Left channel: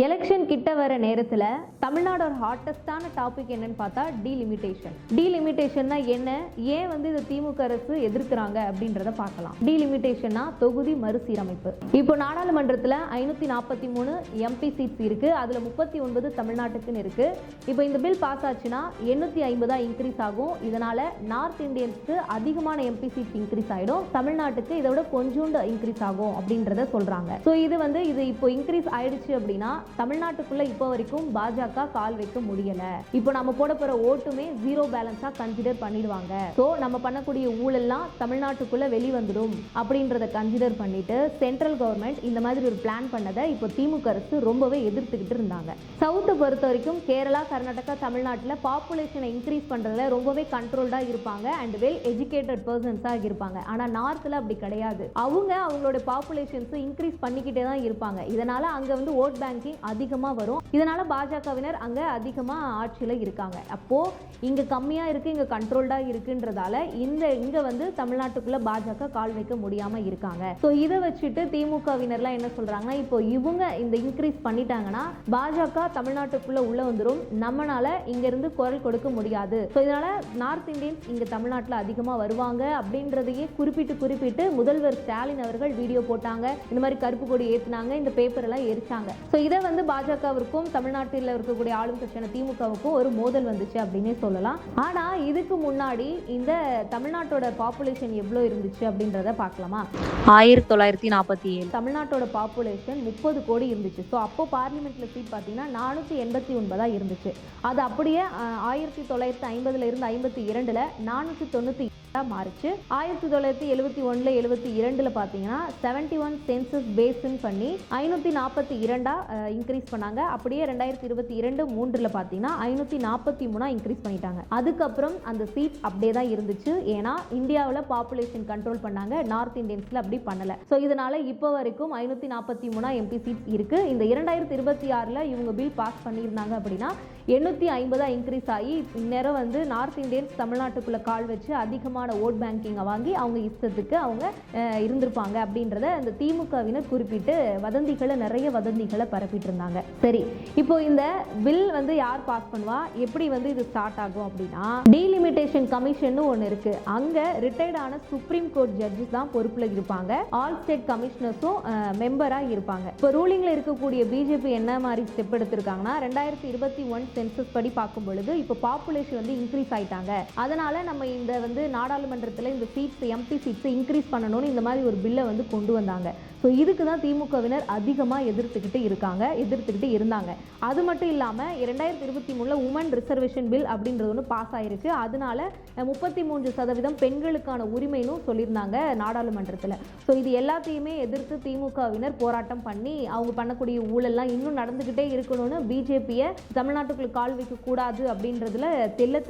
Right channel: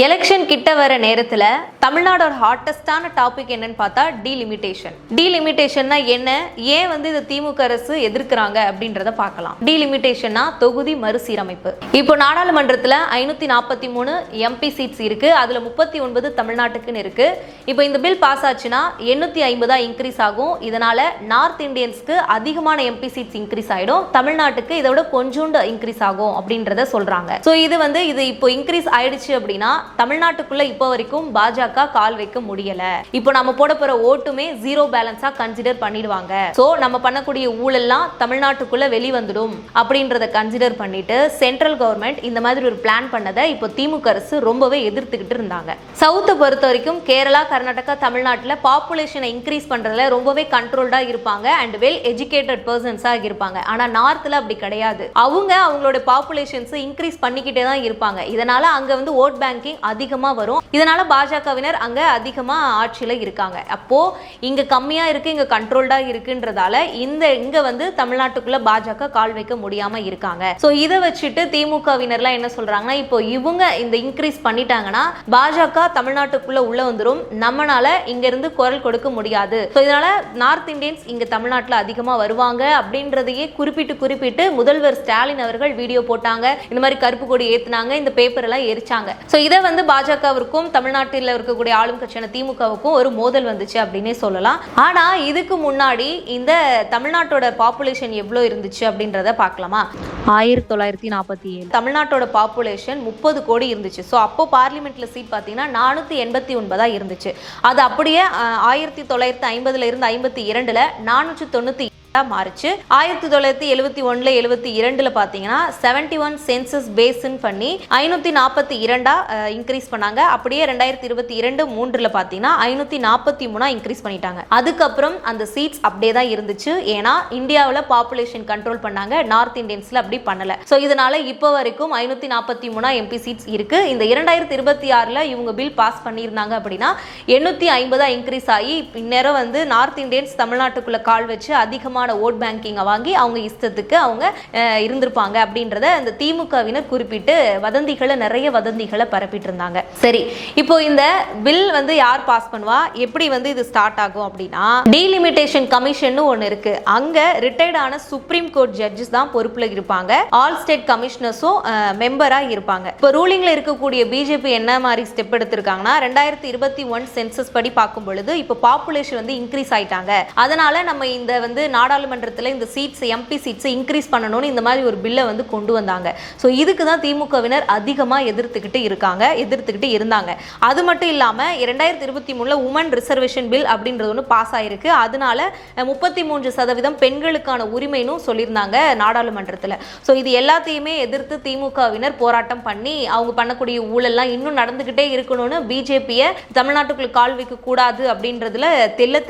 Election கிட்ட வர நேரத்தில் தமிழ்நாடோட ஹாட்டஸ்டான டாபிக் என்னன்னு பார்த்தா டீலிமிட்டேஷன்னா என்ன, ஏன் வந்து இது திமுக அரசு எதிர்க்கிறாங்க அப்படின்றத பார்க்கலாம். டீலிமிட்டேஷன்னா தொகுதி மறுசீரமைப்பு. இப்போ நாடாளுமன்றத்தில் 543 எம்பி சீட்ஸ் இருக்கு, அதுல 39 தமிழ்நாட்டுக்குன்னு இருக்கு. இப்போ இந்த பில் பாஸ் ஆச்சுன்னா 850 இன்க்ரீஸ் ஆகும். இதனால நார்த் இந்தியன்ஸ்க்கு அதிகமான எம்பி சீட்ஸ் இன்க்ரீஸ் ஆயிடும், தமிழ்நாட்டுக்கு இதோட கொஞ்சோண்டு இன்க்ரீஸ் ஆகும் அப்படின்றத சொல்றாங்க. ஸோ இது இப்போ இன்க்ரீஸ் ஆயிடுச்சு அப்படின்னா தமிழ்நாட்டுக்குள்ள இப்போ வரைக்கும் பாஜக கால் வைக்க முடியல. இப்போ நம்ம போட போற ஓட்டுமே ஜீரோ பேலன்ஸா கன்சிடர் பண்ணிடுவாங்க. சோ நம்ம பண்ணக்கூடிய ஊழல்லாம் தமிழ்நாட்டுக்குள்ள வெளிவந்துடும் அப்படின்றத கன்சிடர் பண்ணிட்டு சென்ட்ரல் கவர்மெண்ட் இந்த மாதிரி ஒரு பிளான் பண்ணதை இப்போ திமுக அரசு ரொம்பவே எதிர்த்துக்கிட்டு இருந்தாங்க. சவுத்தை பொறுத்த வரைக்கும் கேரளா, கர்நாடகா, தமிழ்நாட்டில் பாப்புலேஷனை இன்க்ரீஸ் பண்றதுல ரொம்பவே கண்ட்ரோல்டா இருப்பாங்க அண்ட் வெல் எஜுகேட்டட் பர்சன்ஸா இருப்பாங்க. ஆனா நார்த்ல அப்படி கிடையாது. அவங்களோட பாப்புலேஷன்ஸ் இன்க்ரீஸ் பண்ணிக்கிட்டே தான் இருப்பாங்க. இதனால அங்க வந்து ஓட் பேங்கிங் அதிகமா வரும். இதனால பாஜகவினர் அங்க அதிகமா ஆட்சியில இருக்காங்க. அப்போ இங்க கம்மியா இருக்கு, இங்க கண்ட்ரோல்டா இருக்குன்றதால இங்க வந்து தமிழ்நாட்டுக்குள்ள பாஜக கால் வைக்க முடியாம இருக்காங்க. சோ இதை வச்சுட்டு திமுகவினர்லாம் என்ன சொல்றாங்கன்னா, இப்போ இவங்க இந்த இன்க்ரீஸ் பண்ணிட்டாங்கன்னா பாஜக தமிழ்நாட்டுக்குள்ள உள்ள வந்துரும், நம்மனால இங்க இருந்து குரல் கொடுக்க முடியாது. சோ இதனால நார்த் இந்தியன்ஸ் இங்க தமிழ்நாட்டுல அதிகமா வருவாங்க அப்படின்றதையே குறிப்பிட்டு முதல்வர் ஸ்டாலின் அவர்கள் வீடியோ போட்டாங்க. இந்த மாதிரி கருப்பு கொடி ஏத்துனாங்க, இந்த பேப்பர் எல்லாம் எரிச்சாங்க. சோ இதை வந்து பாஜகவிற்கும் தமிழ்நாட்டில் இருக்கக்கூடிய ஆளும் கட்சியான திமுகவுக்கும் ஒரு மோதல் வந்துச்சு அப்படின்னே சொல்லலாம். ஆனா இதுக்கு முன்னாடி இந்த தமிழ்நாட்டோட பாப்புலேஷன் எவ்வளவு இருந்துச்சு அப்படின்றத பார்க்கலாமா. 1947 தமிழ்நாட்டோட பாப்புலேஷன் 30 கோடி இருந்துச்சு. ஸோ அப்போ பார்லிமெண்ட்ல சீட் பார்த்தீங்கன்னா 489 இருந்துச்சு. அது அப்படியே 1950 இருந்து 52ல் 490 மாறுச்சு. 1971 72 பாத்தீங்கன்னா 71 சென்சஸ் பேஸ்ன் பண்ணி 542 இன்க்ரீஸ் பண்ணாங்க. அப்படியே 2022 3ல பாத்தீங்கன்னா 543 இன்க்ரீஸ் பண்ணிட்டாங்க. அதுக்கப்புறம் அந்த சீட்ஸ் அப்படியே தான் இருந்துச்சு. ஏன்னா இந்தியாவில் பாப்புலேஷன் கண்ட்ரோல் பண்ணாங்க, நார்த் இந்தியன்ஸ்ல அப்படி பண்ணல. சோ இதனால இப்போ வரைக்கும் 543 எம்பி சீட்ஸ் இருக்கு. இந்த 2026ல இவங்க பில் பாஸ் பண்ணியிருந்தாங்க அப்படின்னா 850 இன்க்ரீஸ் ஆகி இந்நேரம் வந்து நார்த் இந்தியன்ஸ் தமிழ்நாட்டுக்குள்ள கால் வச்சு அதிகமான ஓட் பேங்கிங் வாங்கி அவங்க இஷ்டத்துக்கு அவங்க இருந்திருப்பாங்க அப்படின்றத அந்த திமுகவினர் குறிப்பிட்டு நிறைய வதந்திகளை பரப்பிட்டு இருந்தாங்க. சரி, இப்போ இந்த பில் வந்து யார் பாஸ் பண்ணுவா, எப்படி வந்து இது ஸ்டார்ட் ஆகும் அப்படின்னா, டீலிமிட்டேஷன் கமிஷன் ஒன்னு இருக்கு. அங்க ரிட்டையர்ட் ஆன சுப்ரீம் கோர்ட் ஜட்ஜஸ் தான் பொறுப்புல இருப்பாங்க. ஆல் ஸ்டேட் கமிஷனர்ஸும் மெம்பரா இருப்பாங்க. இப்போ ரூலிங்ல இருக்கக்கூடிய பிஜேபி என்ன மாதிரி ஸ்டெப் எடுத்திருக்காங்கன்னா, 2021 சென்சஸ் படி பார்க்கும் பொழுது இப்போ பாப்புலேஷன் வந்து இன்க்ரீஸ் ஆயிட்டாங்க, அதனால நம்ம இந்த வந்து நாடாளுமன்றத்தில் இந்த சீட்ஸ் எம்பி சீட்ஸ் இன்க்ரீஸ் பண்ணணும்னு இந்த மாதிரி ஒரு பில்லை வந்து கொண்டு வந்தாங்க. ஸோ இதுக்கு தான் திமுகவினர் அதிகமாக எதிர்த்துக்கிட்டு இருந்தாங்க. அது மட்டும் இல்லாமல் 2023 உமன் ரிசர்வேஷன் பில் அப்படின்றது ஒன்று பாஸ் ஆயிருக்கு. அதனால 33% பெண்களுக்கான உரிமைன்னு சொல்லியிருந்தாங்க நாடாளுமன்றத்தில். ஸோ இது எல்லாத்தையுமே எதிர்த்து திமுகவினர் போராட்டம் பண்ணி அவங்க பண்ணக்கூடிய ஊழல்லாம் இன்னும் நடந்துகிட்டே இருக்கணும்னு பிஜேபியை தமிழ்நாட்டுக்குள்ள கால் வைக்க கூடாது அப்படின்றதுல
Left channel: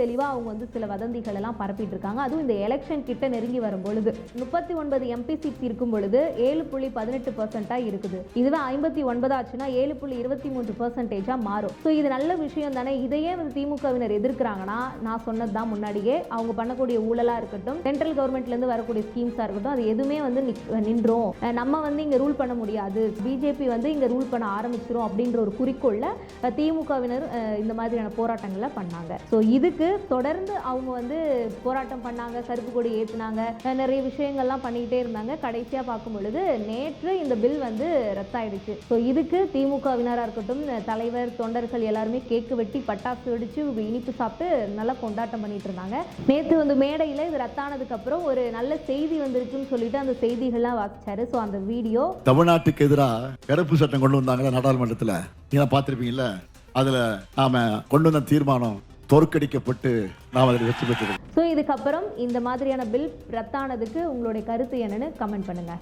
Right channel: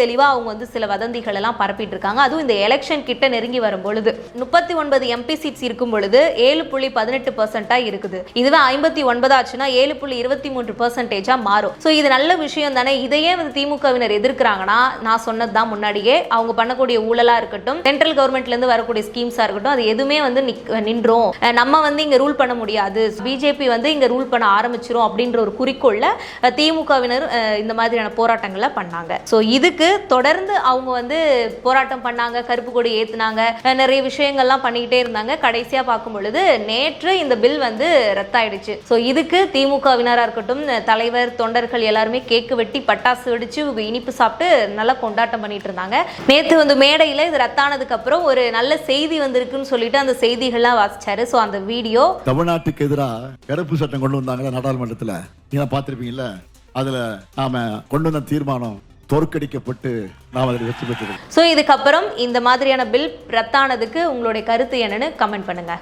தெளிவாக அவங்க வந்து சில வதந்திகள் எல்லாம் பரப்பிட்டு இருக்காங்க. அதுவும் இந்த எலெக்ஷன் கிட்ட நெருங்கி வரும் பொழுது 39 எம்பி சீட்ஸ் இருக்கும் பொழுது 7.18% இருக்குது. இதுவே 59 ஆச்சுன்னா 7.23% மாறும். சோ இது நல்ல விஷயம் தானே. இதையே வந்து திமுகவினர் எதிர்க்கிறாங்கன்னா, நான் சொன்னதுதான் முன்னாடியே, அவங்க பண்ணக்கூடிய ஊழலா இருக்கட்டும், சென்ட்ரல் கவர்மெண்ட்ல இருந்து வரக்கூடிய ஸ்கீம்ஸா இருக்கட்டும், அது எதுவுமே வந்து நின்றோம், நம்ம வந்து இங்க ரூல் பண்ண முடியாது, பிஜேபி வந்து இங்க ரூல் பண்ண ஆரம்பிச்சிரும் அப்படின்ற ஒரு குறிக்கோள்ல திமுகவினர் இந்த மாதிரியான போராட்டங்களை பண்ணாங்க. சோ இதுக்கு தொடர்ந்து அவங்க வந்து போராட்டம் பண்ணாங்க, கருப்பு கொடி ஏத்துனாங்க, நிறைய விஷயங்கள்லாம் பண்ணிக்கிட்டே இருந்தாங்க. கடைசியா பார்க்கும் பொழுது நேற்று இந்த பில் வந்து ரத்தாயிடுச்சு. ஸோ இதுக்கு திமுகவினரா இருக்கட்டும், தலைவர், தொண்டர்கள் எல்லாருமே கேக்கு வெட்டி பட்டாசு வெடிச்சு இனிப்பு சாப்பிட்டு நல்லா கொண்டாட்டம் பண்ணிட்டு இருந்தாங்க. நேற்று வந்து மேடையில் இது ரத்தானதுக்கு அப்புறம் ஒரு நல்ல செய்தி வந்திருக்குன்னு சொல்லிட்டு அந்த செய்திகள்லாம் வாசிச்சாரு. ஸோ அந்த வீடியோ, தமிழ்நாட்டுக்கு எதிராக கருப்பு சட்டம் கொண்டு வந்தாங்க நாடாளுமன்றத்தில், நீங்க பார்த்திருப்பீங்கல்ல, அதுல நாம கொண்டு வந்த தீர்மானம் தோற்கடிக்கப்பட்டு நாம் அதில் வெற்றி பெற்றோம். ஸோ இதுக்கப்புறம் இந்த மாதிரியான பில் ரத்தானதுக்கு உங்களுடைய கருத்து என்னன்னு கமெண்ட் பண்ணுங்க.